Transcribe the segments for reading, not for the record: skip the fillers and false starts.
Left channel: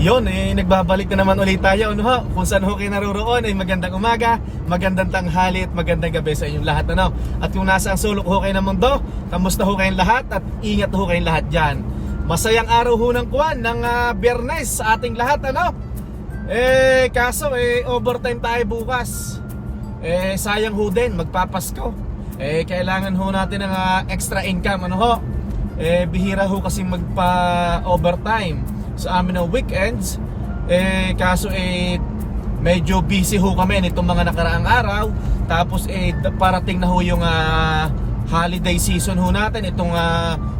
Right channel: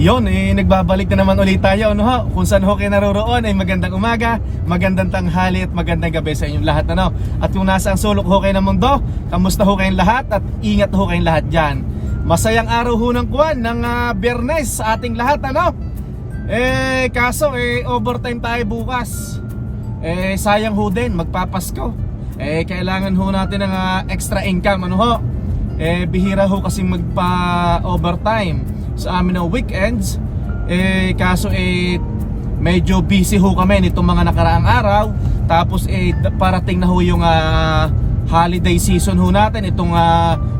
Yun, nagbabalik na naman ulit tayo, no ho? Kung saan ho kayo naroroon ay magandang umaga, magandang tanghali at magandang gabi sa inyong lahat, ano? At kung nasa ang sulok ho kayo ng mundo, kamusta ho kayong lahat at ingat ho kayong lahat dyan. Masayang araw ho ng kuwan ng Biyernes sa ating lahat, ano? Kaso overtime tayo bukas. Sayang ho din, magpapasko. Kailangan ho natin ng extra income, ano ho? Bihira ho kasi magpa-overtime sa amin ng weekends. Kaso medyo busy ho kami nitong mga nakaraang araw. Tapos parating na ho yung holiday season ho natin, itong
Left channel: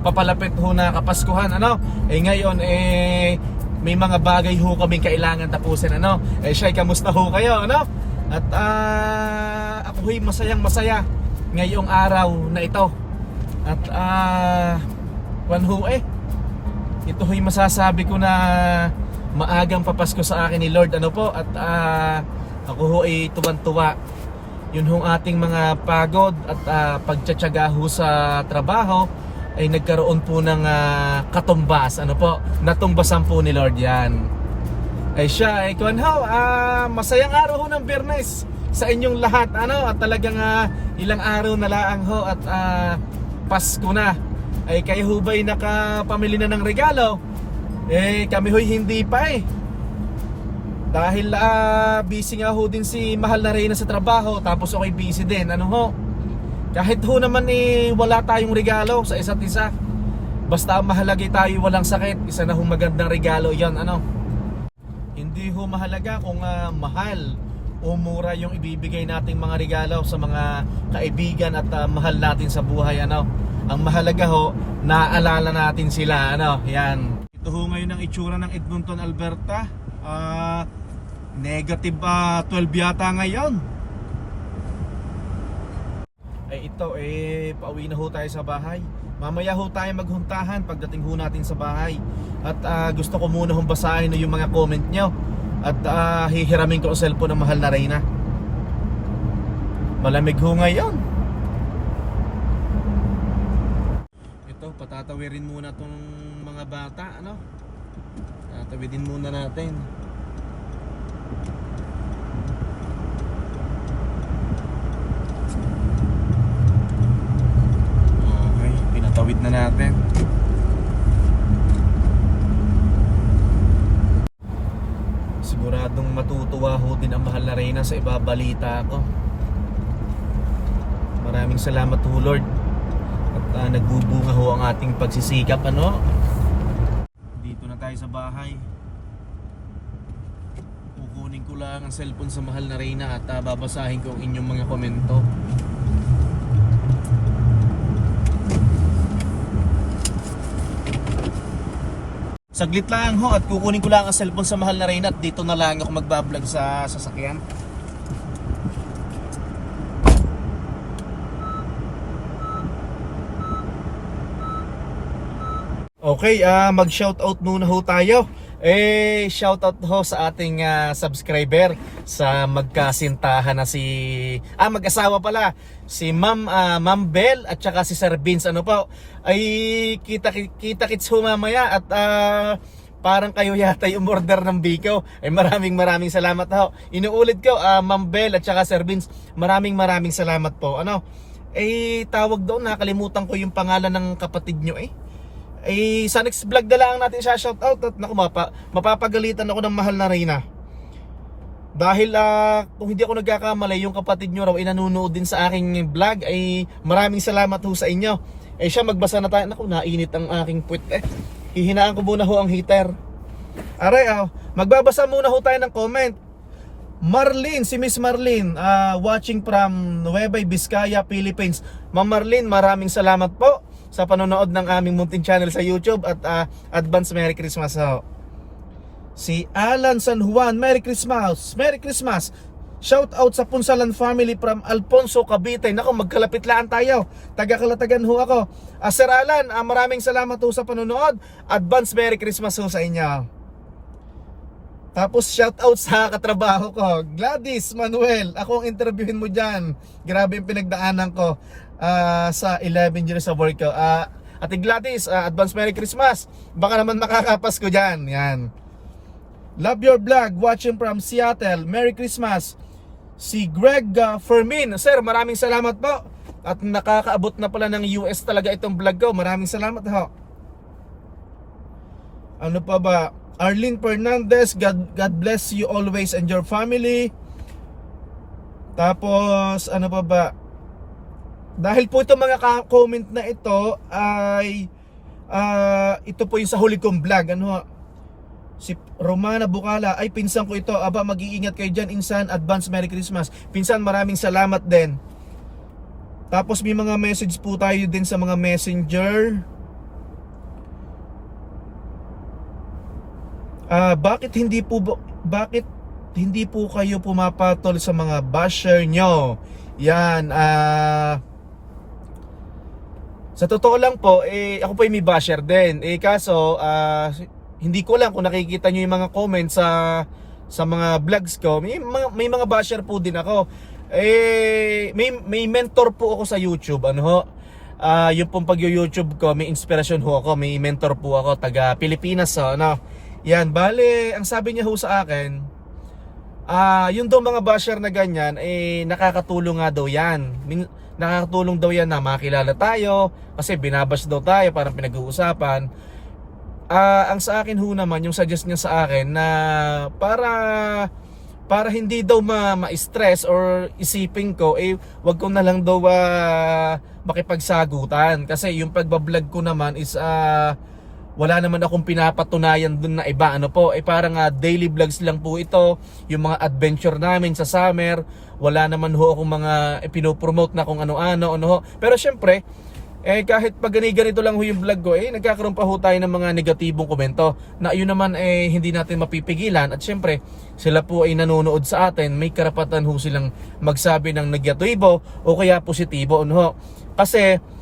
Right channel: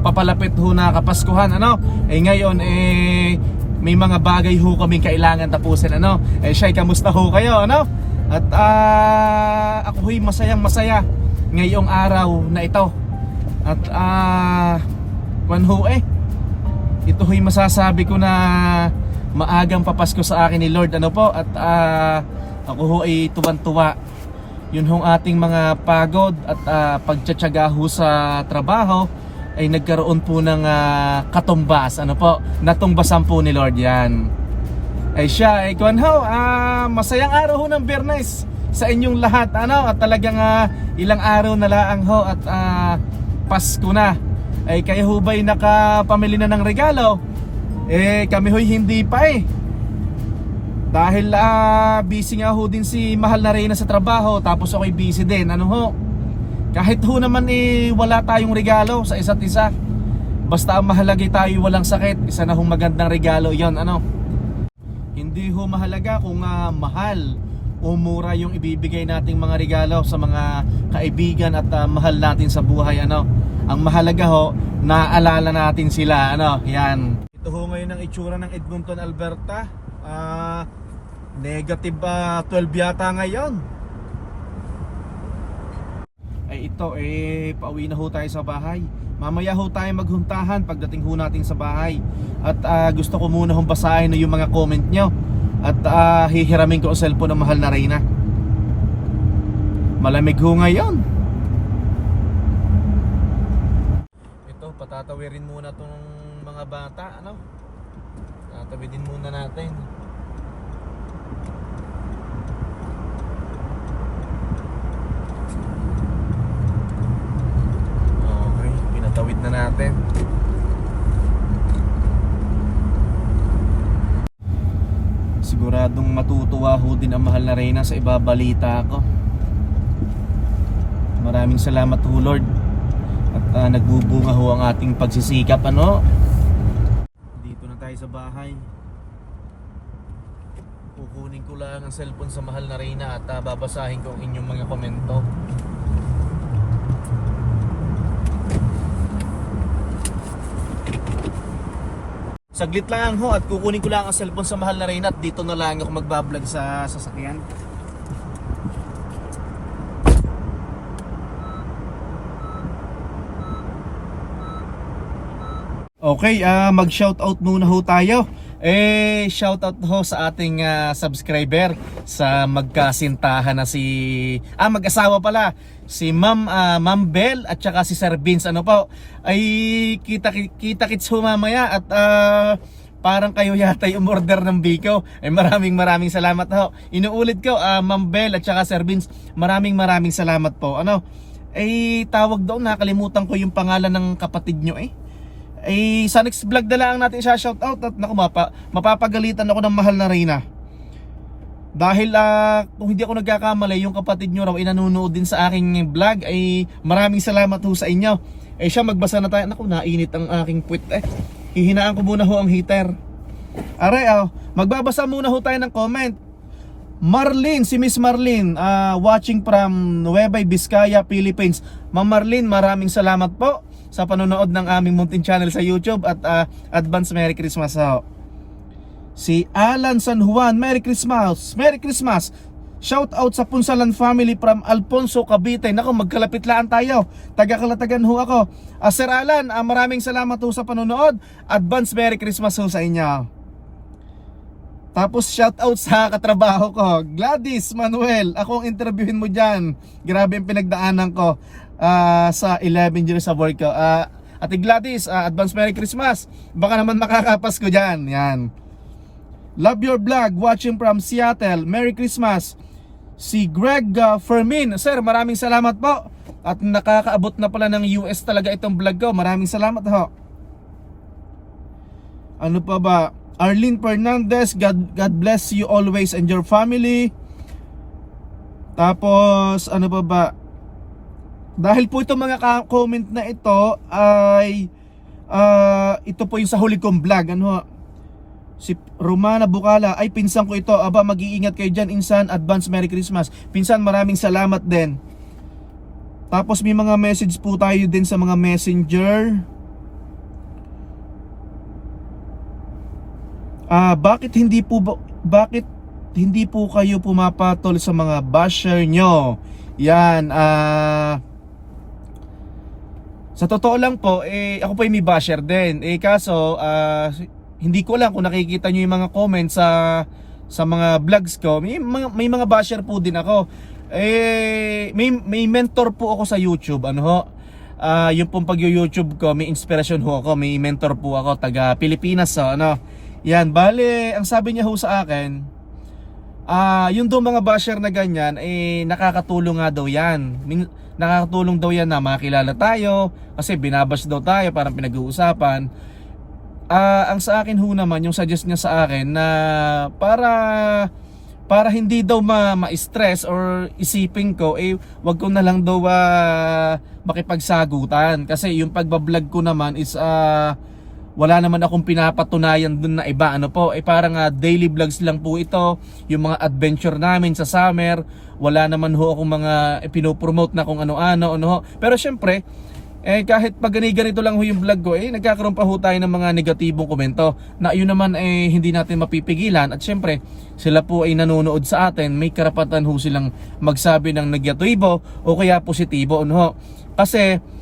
papalapit ho na Kapaskuhan, ano? Ngayon may mga bagay ho kaming kailangan tapusin, ano? Shay, kamusta ho kayo, ano? At ako ho'y masayang masaya ngayong araw na ito. At ito ho'y masasabi ko na maagang papasko sa akin ni Lord, ano po? At ako ho ay tuwan-tuwa. Yun hong ating mga pagod at pagtsatsaga ho sa trabaho ay nagkaroon po ng katumbas, ano po? Natumbasan po ni Lord yan. Ay siya, kuwan ho, masayang araw ho ng Biyernes sa inyong lahat, ano? At talagang ilang araw na laang ho at Pasko na. Ay kayo ho ba'y nakapamili na ng regalo? Kami ho'y hindi pa dahil busy nga ho din si mahal na Reyna sa trabaho. Tapos ako'y busy din, ano ho? Kahit ho naman wala tayong regalo sa isa't isa, basta ang mahalaga tayo walang sakit, isa na hong magandang regalo yon, ano? Hindi ho mahalaga kung mahal o mura yung ibibigay nating mga regalo sa mga kaibigan at mahal natin sa buhay, ano? Ang mahalaga ho, naaalala natin sila, ano? Yan. Ito ho ngayon ang itsura ng Edmonton, Alberta. Negative 12 yata ngayon. Ay ito, pauwi na ho tayo sa bahay. Mamaya ho tayo maghuntahan pagdating ho natin sa bahay. At gusto ko muna hong basahin yung mga comment nyo. At hihiramin ko ang cellphone ng mahal na Reyna. Malamig ho ngayon. Patatawirin muna tong mga bata, ano? Tatawidin muna natin. Okay, pinatawid na natin. Siguradong matutuwa ho din ang mahal na Reyna sa ibabalita ko. Maraming salamat ho, Lord. At nagbubunga ho ang ating pagsisikap, ano? Dito na tayo sa bahay. Kukunin ko lang ang cellphone sa mahal na Reyna at babasahin ko ang inyong mga komento. Saglit lang ho at kukunin ko lang ang cellphone sa mahal na Reyna at dito na lang ako magbablog sa sasakyan. Okay, mag-shoutout muna ho tayo. Shoutout ho sa ating subscriber sa magkasintahan na mag-asawa pala, si Ma'am Bell at saka si Sir Vince, ano po? Ay kita-kits ho mamaya at parang kayo yata yung order ng Biko. Ay maraming salamat ho. Inuulit ko, Ma'am Bell at saka Sir Vince, maraming salamat po. Ano? Tawag doon, nakalimutan ko yung pangalan ng kapatid nyo sa next vlog na lang natin siya shoutout. At naku, mapapagalitan ako ng mahal na Reyna dahil kung hindi ako nagkakamali, yung kapatid nyo raw nanonood din sa aking vlog. Maraming salamat ho sa inyo. Siya, magbasa na tayo. Naku, nainit ang aking puwet hihinaan ko muna ho ang heater. Aray, magbabasa muna ho tayo ng comment. Marlene, si Miss Marlene, watching from Nueva Vizcaya, Philippines. Ma'am Marlene, maraming salamat po sa panonood ng aming munting channel sa YouTube at advance Merry Christmas ho. Si Alan San Juan, Merry Christmas. Merry Christmas. Shout out sa Punsalan family from Alfonso, Cavite. Nako, magkalapit-laan tayo. Taga-Kalatagan ho ako. Sir Alan, maraming salamat ho sa panonood. Advance Merry Christmas ho sa inyo. Tapos shout out sa katrabaho ko, Gladys Manuel. Ako ang interviewin mo dyan. Grabe ang pinagdaanan ko sa 11 years sa work ko. Ate Gladys, advance Merry Christmas. Baka naman makakapas ko dyan. Yan. Love your vlog, watching from Seattle. Merry Christmas. Si Greg Fermin. Sir, maraming salamat po. At nakakaabot na pala ng US talaga itong vlog ko. Maraming salamat ho. Ano pa ba? Arlene Fernandez, God bless you always and your family. Tapos, ano pa ba? Dahil po itong mga comment na ito ay ito po yung sa huli kong vlog. Ano ho? Si Romana Bukala, ay pinsan ko ito. Aba, mag-iingat kayo dyan, insan. Advance Merry Christmas. Pinsan, maraming salamat din. Tapos may mga message po tayo din sa mga messenger. Bakit hindi po kayo pumapatol sa mga basher nyo? Yan, sa totoo lang po, ako po yung may basher din. Kaso, hindi ko lang kung nakikita nyo yung mga comments sa mga vlogs ko. May mga basher po din ako. May mentor po ako sa YouTube. Ano ho? Yung pong pag-YouTube ko, may inspirasyon ho ako. May mentor po ako, taga Pilipinas. So, ano? Yan, bale, ang sabi niya ho sa akin, yung daw mga basher na ganyan, nakakatulong nga daw yan. Nakakatulong daw yan na makilala tayo, kasi binabash daw tayo, parang pinag-uusapan. Ang sa akin ho naman, yung suggest niya sa akin na para hindi daw ma-stress or isipin ko, wag ko na lang daw makipagsagutan. Kasi yung pagbablog ko naman is wala naman akong pinapatunayan dun na iba. Ano po, parang daily vlogs lang po ito. Yung mga adventure namin sa summer, wala naman ho akong mga pinopromote na kung ano-ano. Ano ho. Pero syempre, kahit pag ganito lang ho yung vlog ko, nagkakaroon pa ho tayo ng mga negatibong komento na yun naman hindi natin mapipigilan. At syempre, sila po ay nanonood sa atin, may karapatan ho silang magsabi ng negatibo o kaya positibo. Ano ho. Kasi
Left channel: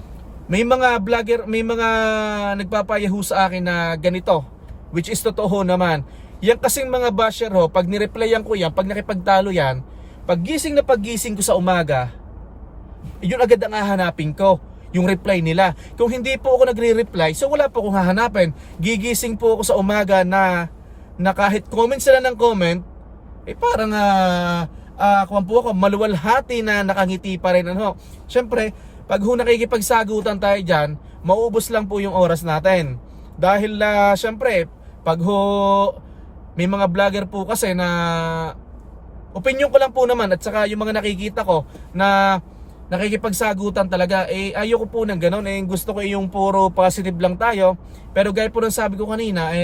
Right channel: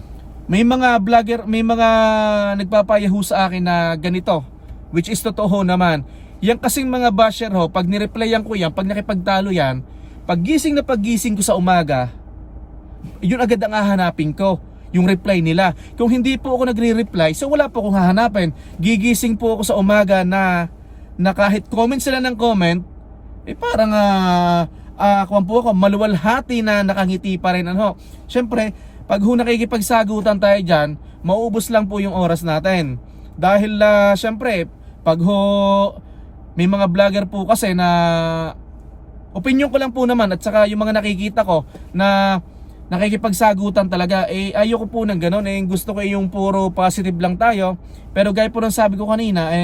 may mga vlogger, may mga nagpapayahu sa akin na ganito, which is totoo naman. Yan kasing mga basher ho, pag nireplyan ko yan, pag nakipagtalo yan, paggising ko sa umaga, yun agad ang hahanapin ko, yung reply nila. Kung hindi po ako nagre-reply, so wala po akong hahanapin. Gigising po ako sa umaga na kahit comment sila ng comment, parang kung po ako, maluwalhati na nakangiti pa rin. Ano? Siyempre, pag nakikipagsagutan tayo dyan, mauubos lang po yung oras natin. Dahil siyempre, pag may mga vlogger po kasi na opinion ko lang po naman, at saka yung mga nakikita ko na nakikipagsagutan talaga, ayoko po ng ganun. Gusto ko yung puro positive lang tayo. Pero gaya po ng sabi ko kanina,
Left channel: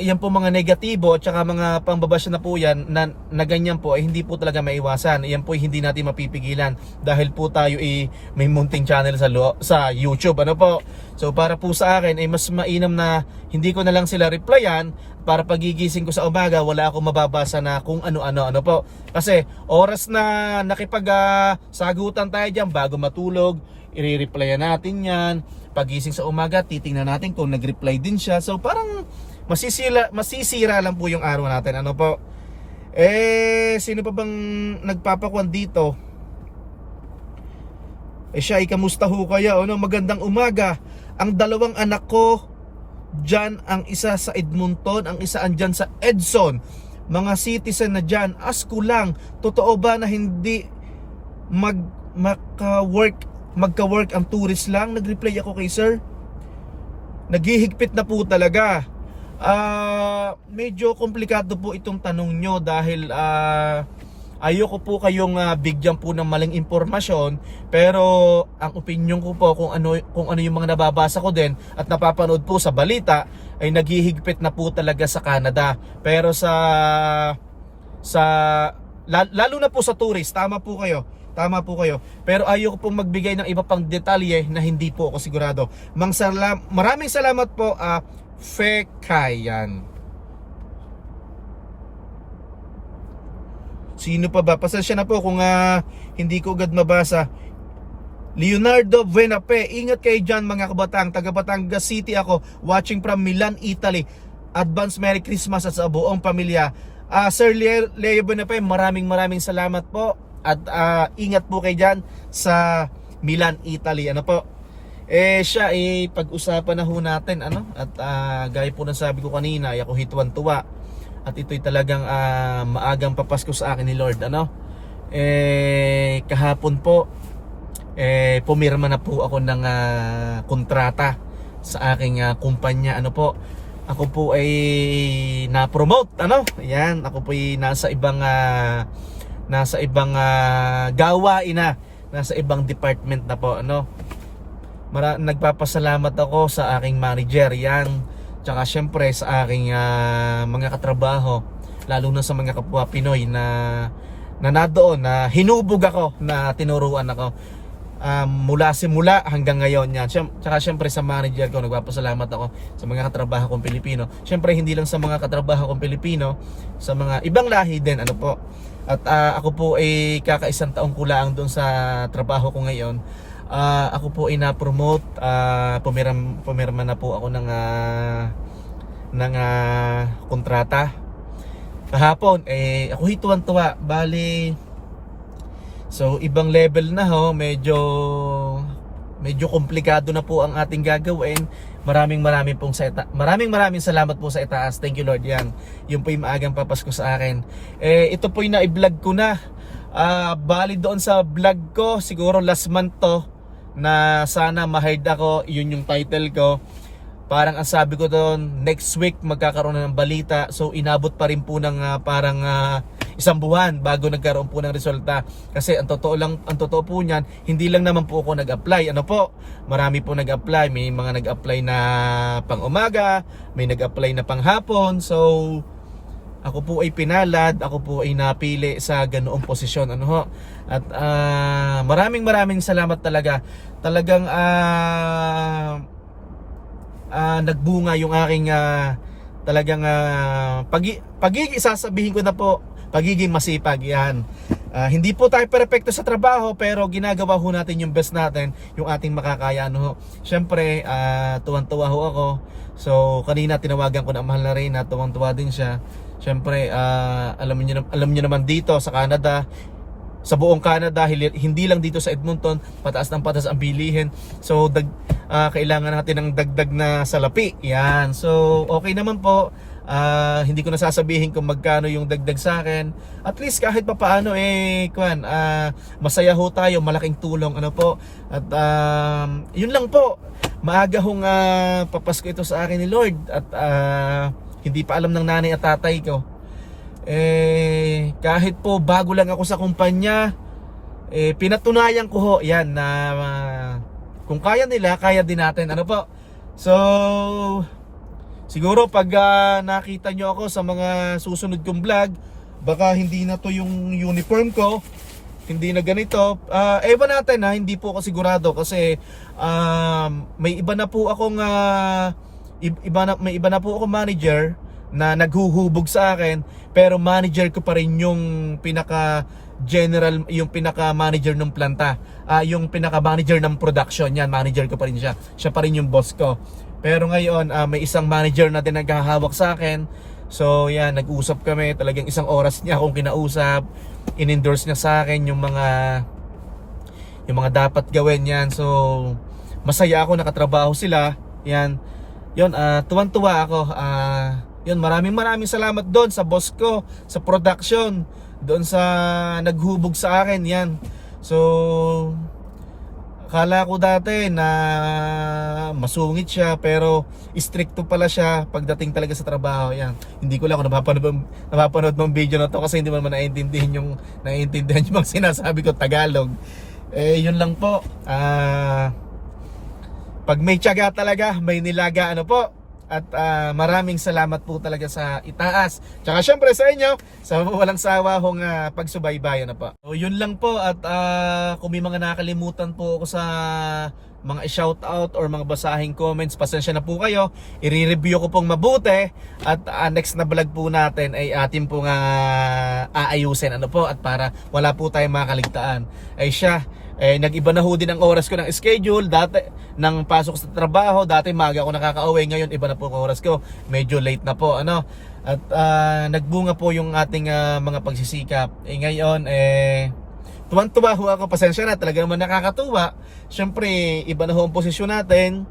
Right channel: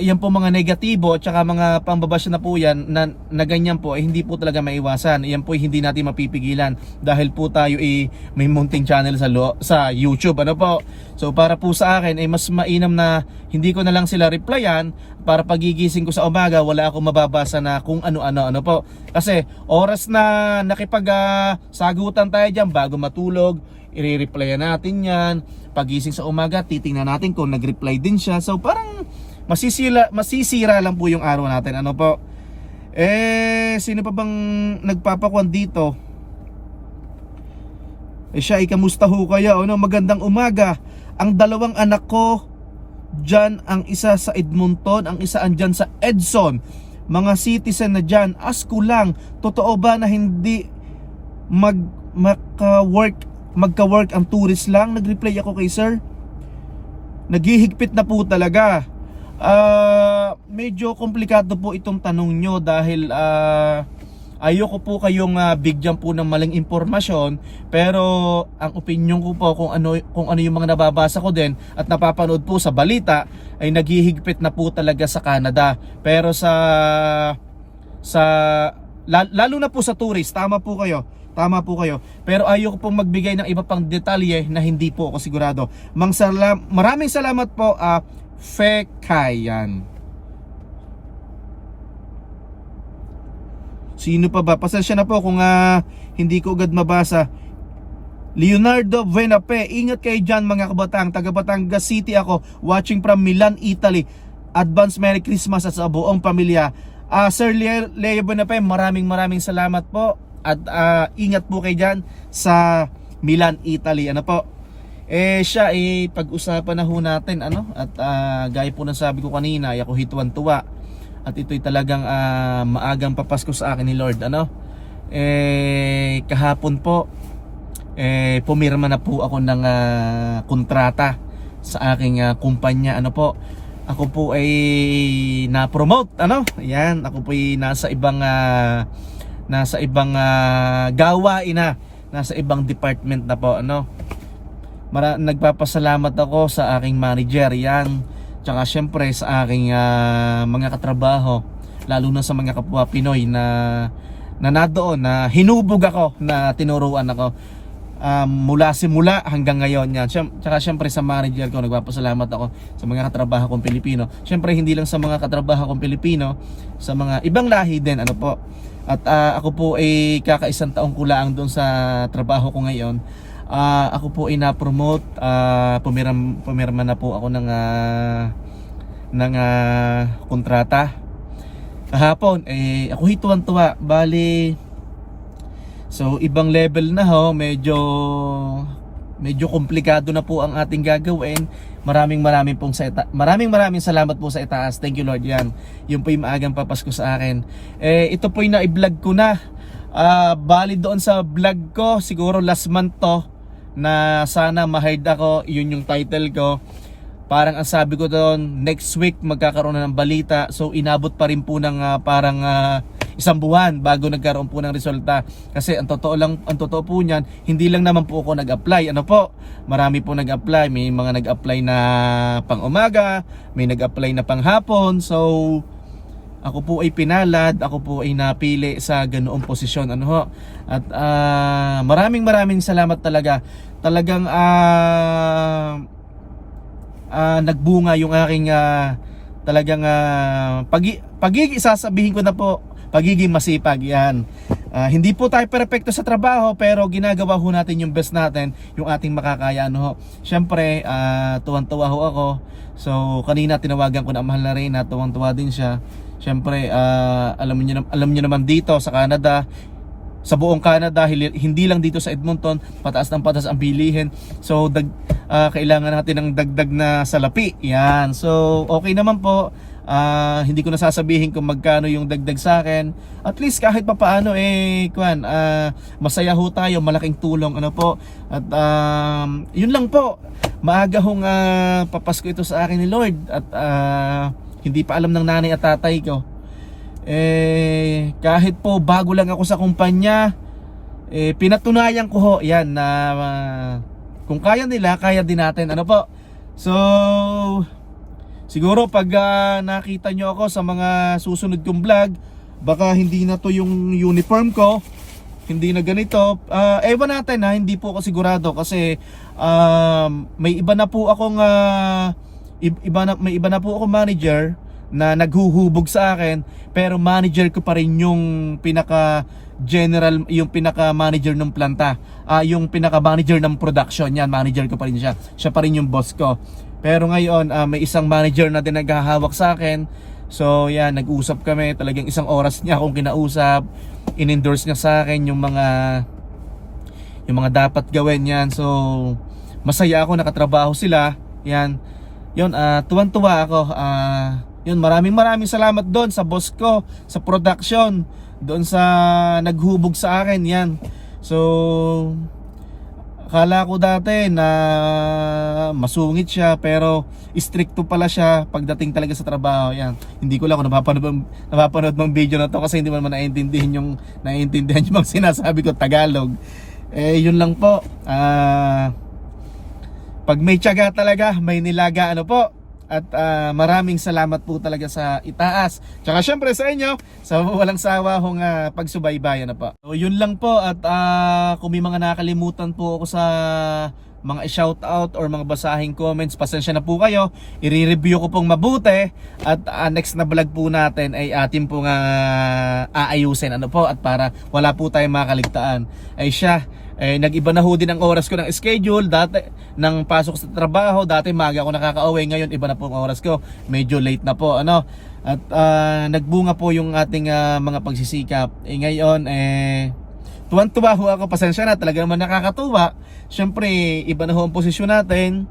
yan po mga negatibo at saka mga pambabash na po yan na ganyan po, hindi po talaga maiwasan. Yan po hindi natin mapipigilan dahil po tayo may munting channel sa YouTube. Ano po? So para po sa akin mas mainam na hindi ko na lang sila replyan, para pagigising ko sa umaga wala akong mababasa na kung ano po. Kasi oras na nakipag-sagutan tayo dyan bago matulog, i-replyan natin yan. Pagising sa umaga, titingnan natin kung nag-reply din siya. So parang masisira lang po yung araw natin. Ano po? Sino pa bang nagpapakuan dito? Siya, kamusta ho kaya? Ano, magandang umaga. Ang dalawang anak ko dyan, ang isa sa Edmonton, ang isa andyan sa Edson. Mga citizen na dyan. Ask ko lang, totoo ba na hindi magka-work ang tourist lang? Nag-reply ako kay sir. Naghihigpit na po talaga. Medyo komplikado po itong tanong nyo dahil ayoko po kayong bigyan po ng maling impormasyon, pero ang opinion ko po kung ano yung mga nababasa ko din at napapanood po sa balita ay naghihigpit na po talaga sa Canada. Pero lalo na po sa tourist, tama po kayo. Pero ayoko pong magbigay ng iba pang detalye na hindi po ako sigurado. Maraming salamat po, Fekayan. Sino pa ba? Pasensya na po kung hindi ko agad mabasa. Leonardo Venape, ingat kayo dyan mga kabatang. Taga Batangas City ako, watching from Milan, Italy. Advance Merry Christmas at sa buong pamilya. Sir Leo Venape, maraming salamat po. At ingat po kayo dyan sa Milan, Italy. Ano po? Siya pag-usapan na ho natin ano, at gaya po ng sabi ko kanina, ay ako hituan-tuwa at ito'y talagang maagang papasko sa akin ni Lord ano. Kahapon po pumirma na po ako ng kontrata sa aking kumpanya ano po. Ako po ay na-promote ano. Yan, ako po ay nasa ibang gawain na, nasa ibang department na po ano. Nagpapasalamat ako sa aking manager yan. Tsaka syempre sa aking mga katrabaho, lalo na sa mga kapwa Pinoy na nadoon, na hinubog ako, na tinuruan ako mula simula hanggang ngayon yan. Tsaka syempre sa manager ko, nagpapasalamat ako sa mga katrabaho kong Pilipino. Syempre hindi lang sa mga katrabaho kong Pilipino, sa mga ibang lahi din ano po. At ako po ay kakaisang taong kulang doon sa trabaho ko ngayon. Ako po ay na-promote, pumirma na po ako ng kontrata. Kahapon ako hituan-tuwa, bali so ibang level na ho, medyo komplikado na po ang ating gagawin. Maraming salamat po sa itaas. Thank you Lord yan. Yung po yung maagang papasko sa akin. Ito po yung na-vlog ko na. Bali doon sa vlog ko, siguro last month to, na sana ma-hide ako, yun yung title ko. Parang ang sabi ko doon, next week magkakaroon na ng balita. So inabot pa rin po ng parang isang buwan bago nagkaroon po ng resulta. Kasi ang totoo po niyan, hindi lang naman po ako nag-apply. Ano po? Marami po nag-apply. May mga nag-apply na pang umaga, may nag-apply na pang hapon. So ako po ay pinalad, ako po ay napili sa ganoong posisyon ano ho. At maraming salamat talaga. Talagang nagbunga yung aking talagang sasabihin ko na po, pagiging masipag yan. Hindi po tayo perfecto sa trabaho, pero ginagawa ho natin yung best natin, yung ating makakaya ano ho. Syempre tuwan-tuwa ho ako. So kanina tinawagan ko na mahal na rin, tuwang-tuwa din siya. Syempre alam niyo naman dito sa Canada, sa buong Canada, hindi lang dito sa Edmonton, pataas ng pataas ang bilihin. So kailangan natin ng dagdag na salapi. Yan. So okay naman po. Hindi ko na sasabihin kung magkano yung dagdag sa akin. At least kahit papaano masaya ho tayo, malaking tulong ano po. At yun lang po. Maaga hong papasko ito sa akin ni Lord. At hindi pa alam ng nanay at tatay ko. Kahit po bago lang ako sa kumpanya, pinatunayan ko ho yan na kung kaya nila, kaya din natin ano po. So siguro pag nakita nyo ako sa mga susunod kong vlog, baka hindi na to yung uniform ko, hindi na ganito. Ewan natin hindi po ako sigurado kasi may iba na po akong may iba na po akong manager na naghuhubog sa akin, pero manager ko pa rin yung pinaka manager ng planta, yung pinaka manager ng production. Yan, manager ko pa rin siya pa rin yung boss ko. Pero ngayon may isang manager na din naghahawak sa akin. So yan, nag-usap kami, talagang isang oras niya akong kinausap, in-endorse niya sa akin yung mga dapat gawin yan. So masaya ako, nakatrabaho sila. Yan, yun, tuwan-tuwa ako. Yun, maraming salamat doon sa boss ko, sa production, doon sa naghubog sa akin. Yan. So akala ko dati na masungit siya, pero stricto pala siya pagdating talaga sa trabaho. Yan. Hindi ko lang kung napapanood ng video na to kasi hindi mo naman naiintindihan yung mga sinasabi ko Tagalog. Yun lang po. Pag may tiyaga talaga, may nilaga ano po. At maraming salamat po talaga sa itaas. Tsaka syempre sa inyo, sa walang sawa hong pagsubaybayan na po. So yun lang po. At kung may mga nakalimutan po ako sa mga shoutout or mga basahing comments, pasensya na po kayo. I-review ko pong mabuti. At next na vlog po natin ay atin pong aayusin ano po. At para wala po tayong makaligtaan. Ay siya, nag-iba na ho din ang oras ko ng schedule. Dati ng pasok sa trabaho, dati maaga ako nakaka-uwi, ngayon iba na po ang oras ko, medyo late na po ano. At nagbunga po yung ating mga pagsisikap. Ngayon tuwan-tuwa ho ako, pasensya na, talaga naman nakakatuwa. Siyempre, iba na ho ang posisyon natin.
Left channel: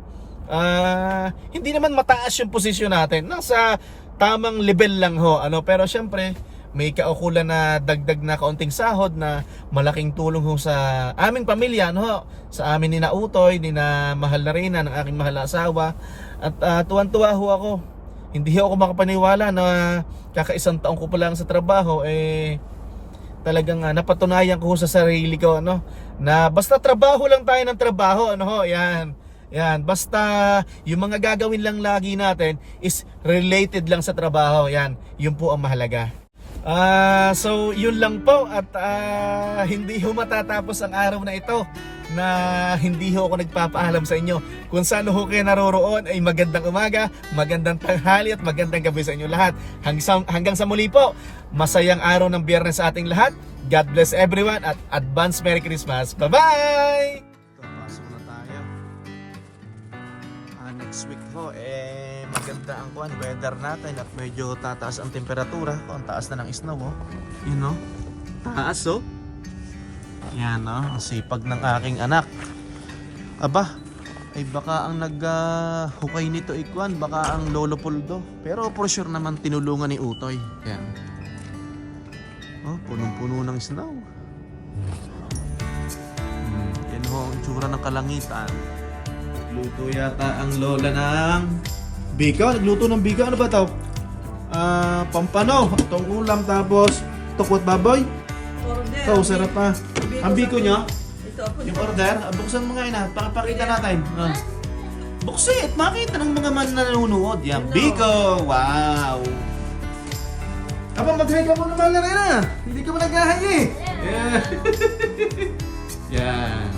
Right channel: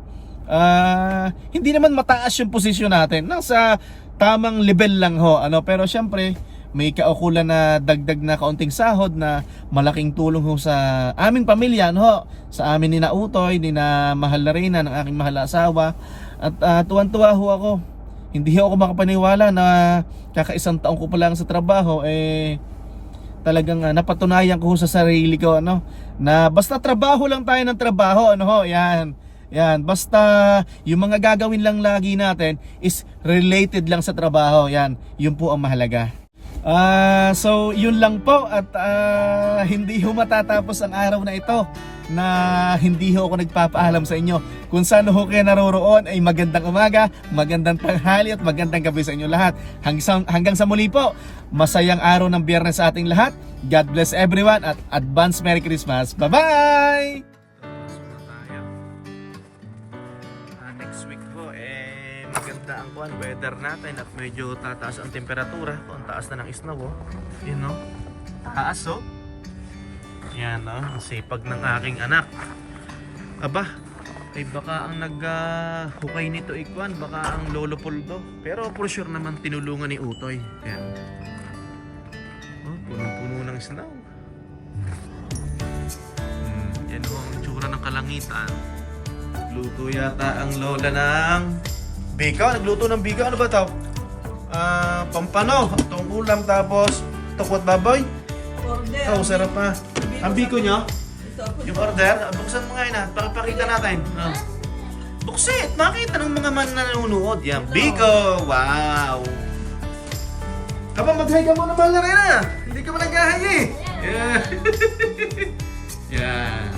Hindi naman mataas yung posisyon natin, nasa tamang level lang ho, ano. Pero siyempre, may kaukulan na dagdag na kaunting sahod na malaking tulong ho sa aming pamilya, no? Sa amin ni na Utoy, ni na Mahal na Reyna, ng aking mahal na asawa. At tuwan-tuwa ho ako. Hindi ho ako makapaniwala na kakaisang taong ko pa lang sa trabaho, talagang napatunayan ko ho sa sarili ko, no? Na basta trabaho lang tayo ng trabaho, ano ho, yan. Yan, basta yung mga gagawin lang lagi natin is related lang sa trabaho, yan. Yun po ang mahalaga. So yun lang po, at hindi ho matatapos ang araw na ito na hindi ho ako nagpapaalam sa inyo. Kung saan ho kayo naroroon ay magandang umaga, magandang tanghali at magandang gabi sa inyo lahat. Hanggang sa muli po, masayang araw ng Biyernes sa ating lahat. God bless everyone at advance Merry Christmas. Bye-bye! Pasok na tayo. Next week ho, maganda ang weather natin at medyo tataas ang temperatura. Ang taas na ng snow, oh. Yun, no? Taas, oh. Yan, no? Ang sipag ng aking anak. Aba, ay baka ang hukay nito ikwan, baka ang Lolo Puldo. Pero for sure naman tinulungan ni Utoy. Yan. Oh, punong-puno ng snow. Yan ho, ang tsura ng kalangitan. Nagluto yata ang lola ng bika. Nagluto ng bika. Ano ba ito? Pampano. Itong ulam, tapos tukwat baboy. Ito, sarap pa. Ang biko nyo? Yung order? Buksan mo nga yun, pakita natin. Buksit! Makita ng mga man na nanonood. Yan, biko! Wow! Aba, mag-hi ka mo naman na rin, ah! Hindi ka mo nag-hi eh! Yeah. Yan.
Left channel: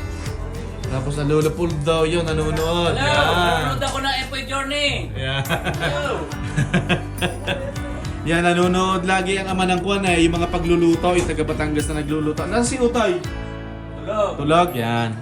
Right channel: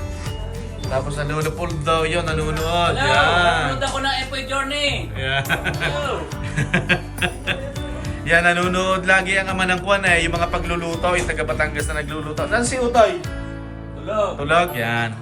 Tapos nalulupol daw yun, nanonood. Hello! Nanonood ako ng Epoy Journey! Yeah. Hello! Yan, nanonood lagi ang ama ng Kwan yung mga pagluluto, yung taga Batangas na nagluluto. Nasaan si Utoy? Tulog! Tulog, yan.